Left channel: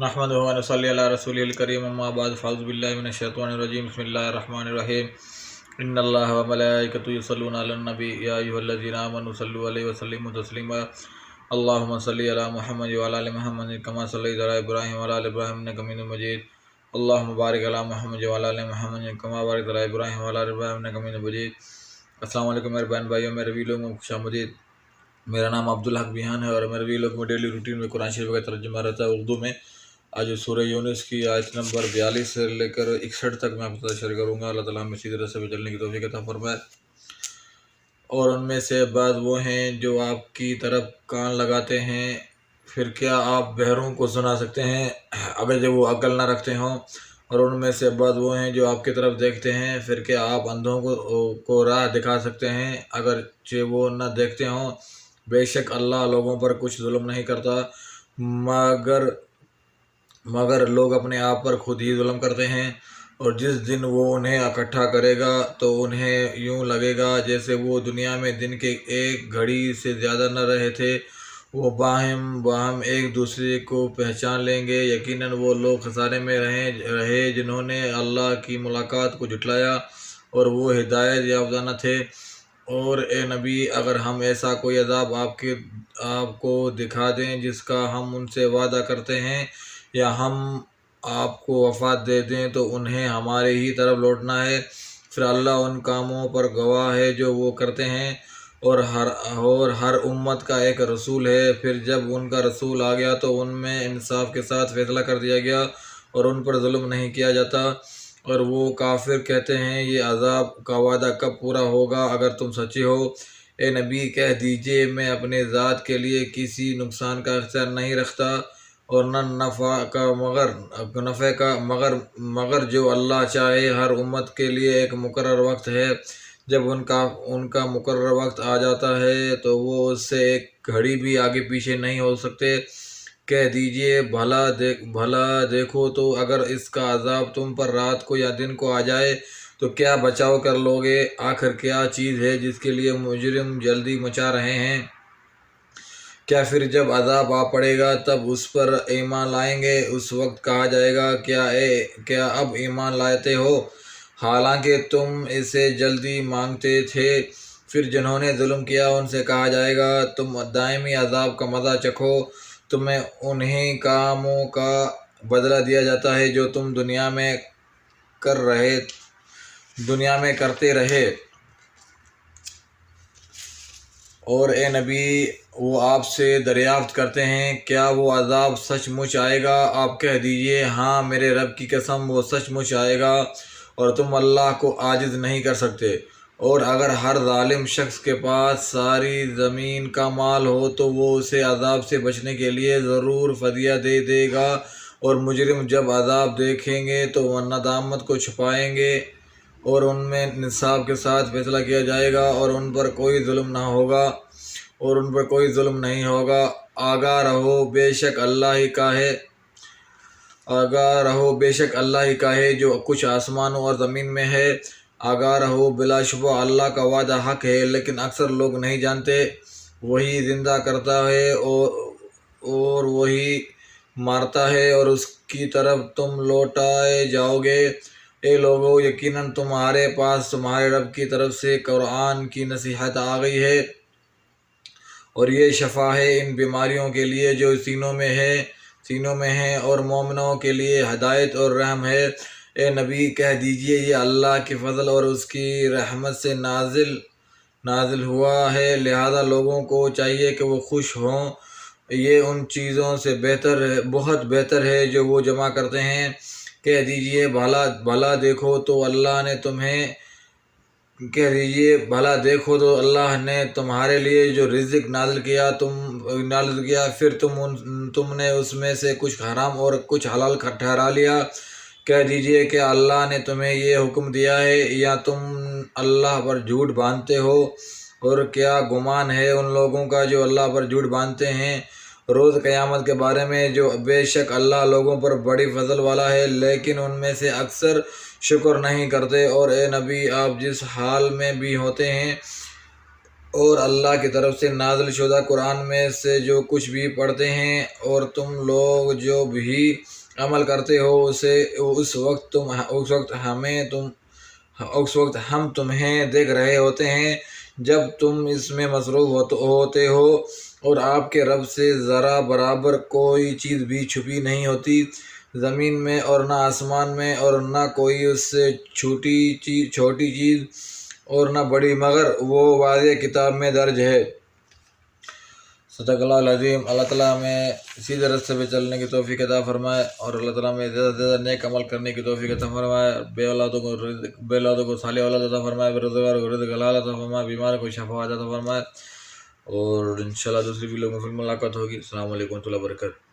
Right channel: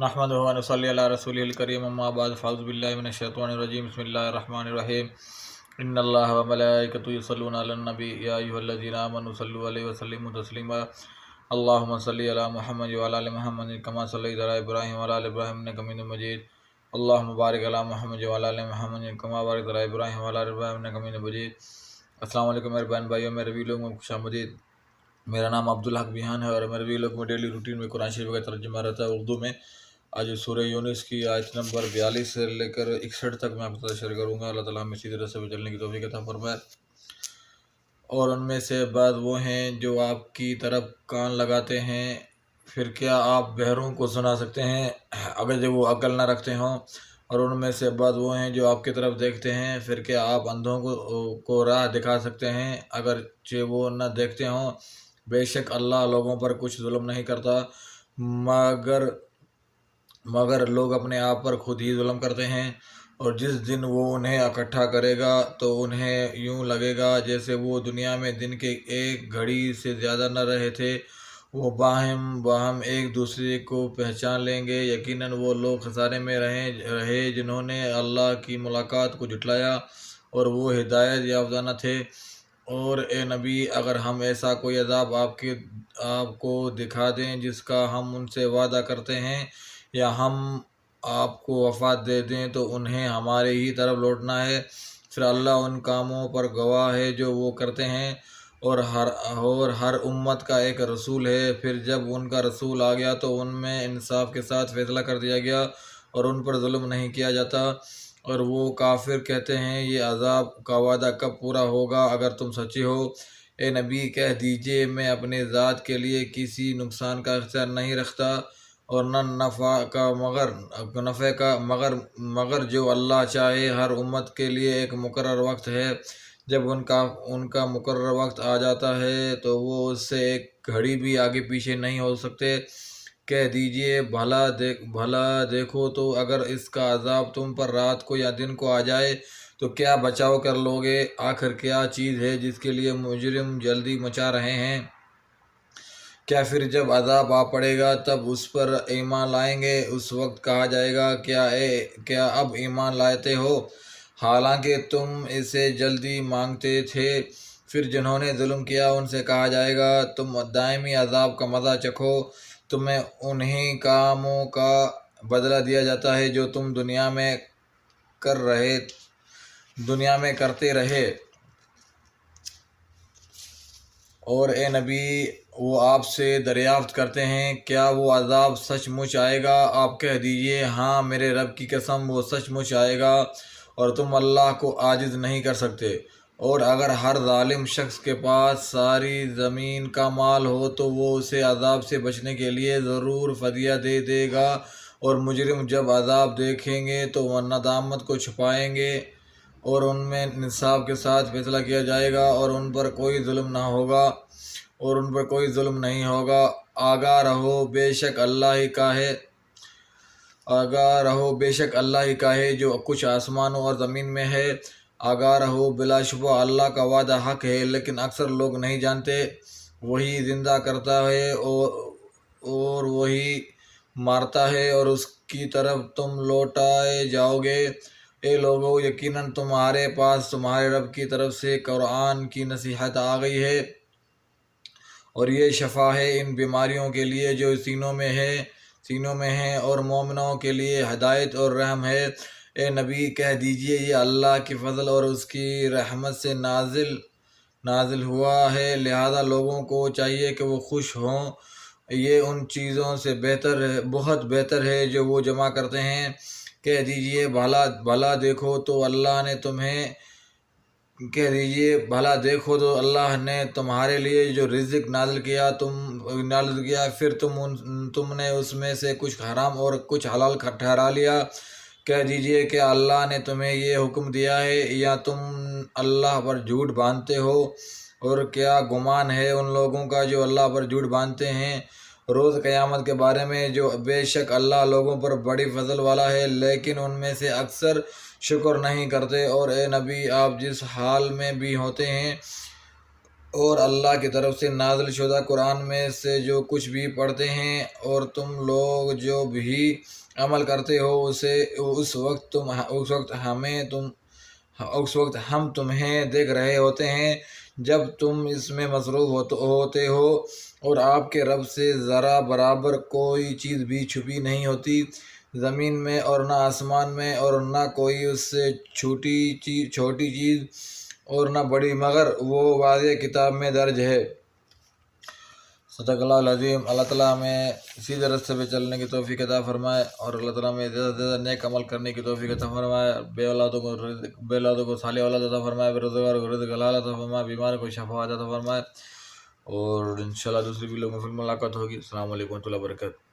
नहमदुहु व नसल्ली अला रसूलिल करीम अम्मा बाद फ़ाउज़ु बिल्लाहि मिनश शैतानिर रजीम बिस्मिल्लाहिर रहमानिर रहीम इन्नल्लाह व मलाइकतहु युसल्लूना अलन नबी या अय्युहल्लज़ीना आमनु सल्लु अलैहि व सल्लिमु तस्लीमा अल्लाहुम्मा सल्लि अला मुहम्मद व अला आलि मुहम्मद कमा सल्लैता अला इब्राहीम व अला आलि इब्राहीम इन्नका हमीदुम मजीद अल्लाहुम्मा बारिक अला मुहम्मद व अला आलि मुहम्मद कमा बारकता अला इब्राहीम व अला आलि इब्राहीम इन्नका हमीदुम मजीद। अस्सलाम वालेकुम मेरे बहन भाइयों, मेरे वीलों में खुशामदीद। मेरा नाम अब्दुल हक बिहान है और मेरे वीलों में डेली रूटीन में कुरान शरीफ का तर्जुमा रहता है उर्दू में। आज सूरह यूनुस की आयत नंबर 42 से लेकर 61 तक मैं आपके साथ शेयर करूँगा। अल्लाह ताला हमें सीधे रास्ते पर चलने की तौफीक अता फरमाए। और उनमें से बाद वो हैं जो आपकी तरफ कान लगाते हैं, फिर क्या आप बहरों को सुना सकते हैं अगर जब वो अकल ना रखते हों। और उनमें से बाद वो हैं जो आपकी तरफ देखते हैं, फिर क्या आप अंधों को राह दिखा सकते हैं अगर जो वो न देखते हों। बेशक अल्लाह लोगों पर कुछ जुल्म नहीं करता मगर लोग अपने आप पर खुद ही जुल्म करते हैं। और जिस दिन वो उन्हें इकट्ठा करेगा तो उन्हें यूं लगेगा जैसे वो दुनिया में दिन के एक घड़ी से ज़्यादा न रहे थे। वो बाहम एक दूसरे को पहचान लेंगे। यकीनन वो लोग खसारे में रहे जिन्होंने अल्लाह की मुलाकात को झुटलाया और वो हिदायत याफ्ता न थे। और ए नबी, अगर हम ऐसा कोई अज़ाब आपको दिखा दें जिसका हम उनसे वादा करते हैं, या हम आपको वफ़ात दे दें तो उन्हें हमारे ही तरफ लौटना है। फिर अल्लाह उन कामों पर गवाह है जो वो करते हैं। और हर उम्मत का एक रसूल है। फिर जब उनका रसूल आ गया तो उनमें इंसाफ के साथ फैसला कर दिया गया और उन पर जुल्म नहीं किया जाता। और वो काफिर कहते हैं ये अज़ाब का वादा कब पूरा होगा अगर तुम सच्चे हो। ए नबी, कह दीजिए मैं अपने ज़ात के लिए किसी नुकसान का इख्तियार नहीं रखता और न नफ़े का मगर जो अल्लाह चाहे। हर उम्मत के लिए एक मुकर्रर वक्त है। जब उनका मुकर्रर वक्त आ जाता है तो वो उससे एक घड़ी भी आगे पीछे नहीं हो सकते। कह दीजिए भला देखो तो अगर इसका अज़ाब तुम पर रात को या दिन को आ जाए तो क्या बचाव कर लोगे। आखिर क्या चीज़ है जिसके लिए मुजरिम जल्दी मचा रहे हैं। क्या फिर जब अज़ाब आ पड़ेगा तब उस पर ईमान लाएंगे। उस वक्त कहा जाएगा क्या अब ईमान लाते हो, हालांकि तुम इसे जल्दी मांगते थे। फिर जिन्होंने जुल्म किया उनसे कहा जाएगा तुम दायमी अज़ाब का मज़ा चखो। तुम्हें उन्हीं कामों का बदला दिया जाता है जो तुम दुनिया में करते रहे। और ए नबी, वो आपसे दरियाफ्त करते हैं क्या वो अज़ाब सचमुच आएगा। आप कह दीजिए हाँ, मेरे रब की कसम वो सचमुच आएगा और तुम अल्लाह को आजिज़ नहीं कर सकते। और अगर हर जालिम शख्स के पास सारी ज़मीन का माल हो तो वो उसे अज़ाब से बचने के लिए ज़रूर फ़दिया दे देगा। और मुजरिम जब अज़ाब देखेंगे तो वह नदामत को छुपाएंगे और उनमें इंसाफ के साथ फैसला किया जाएगा और उन पर कोई जुल्म नहीं होगा। आगाह रहो, बेशक अल्लाह ही का है जो कुछ आसमानों और ज़मीन में है। आगाह रहो, बिलाशुबा अल्लाह का वादा हक है, लेकिन अक्सर लोग नहीं जानते। वही ज़िंदा करता है और वही मारता है और उसकी तरफ तुम लौटाए जाओगे। ए लोगो, यकीनन तुम्हारे पास तुम्हारे रब की तरफ से कुरान की नसीहत आ गई है और ये शफा है इन बीमारियों के लिए जो सीनों में है और मोमिनों के लिए हिदायत और रहम है। ए नबी, कह दीजिए ये अल्लाह के फजल और उसकी रहमत से नाजिल हुआ है, लिहाजा लोगों को चाहिए कि वो खुश हों। ये उन चीज़ों से बहुत बेहतर है जो वो जमा करते हैं। कह दीजिए भला देखो तो अल्लाह ने तुम्हारे लिए जो रिज़्क़ नाज़िल किया फिर तुमने उसमें से कुछ हराम और कुछ हलाल ठहरा लिया। कह दीजिए कि अल्लाह ने तुम्हें ये हुक्म दिया है या तुम अल्लाह पर झूठ बांधते हो। और क्या गुमान है उन लोगों का जो अल्लाह पर झूठ बांधते हैं रोज़ क़यामत के बारे में। जो बेशक अल्लाह लोगों पर बड़ी फजल वाला है, लेकिन उनमें से अक्सर शुक्र नहीं करते। और ए नबी, आप जिस हाल में भी होते हैं اور اللہ کی طرف سے نازل شدہ قرآن میں سے جو کچھ بھی پڑھتے ہیں اور تم لوگ جو بھی عمل کرتے ہو اسے اس وقت ہم تمہیں دیکھ رہے ہوتے ہیں جب تم اس میں مصروف ہوتے ہو، اور آپ کے رب سے ذرا برابر کوئی چیز بھی چھپی نہیں ہوتی زمین میں اور نہ آسمان میں، اور نہ کوئی اس سے چھوٹی چیز اور نہ بڑی، مگر وہ واضح کتاب میں درج ہے۔ صدق اللہ العظیم۔ اللہ تعالیٰ ہمیں سیدھے راستے پہ چلنے کی توفیق عطا فرمائے، اور اللہ تعالیٰ ہمیں زیادہ سے زیادہ نیک عمل کرنے کی توفیق عطا فرمائے، بے اولادوں کو صالح اولاد عطا فرمائے، بے روزگاروں کو رزق حلال عطا فرمائے، بیماروں کو شفا عطا فرمائے، اور انشاءاللہ دوسری ویڈیو میں پھر ملاقات ہوگی۔ السلام علیکم ورحمۃ اللہ وبرکاتہ۔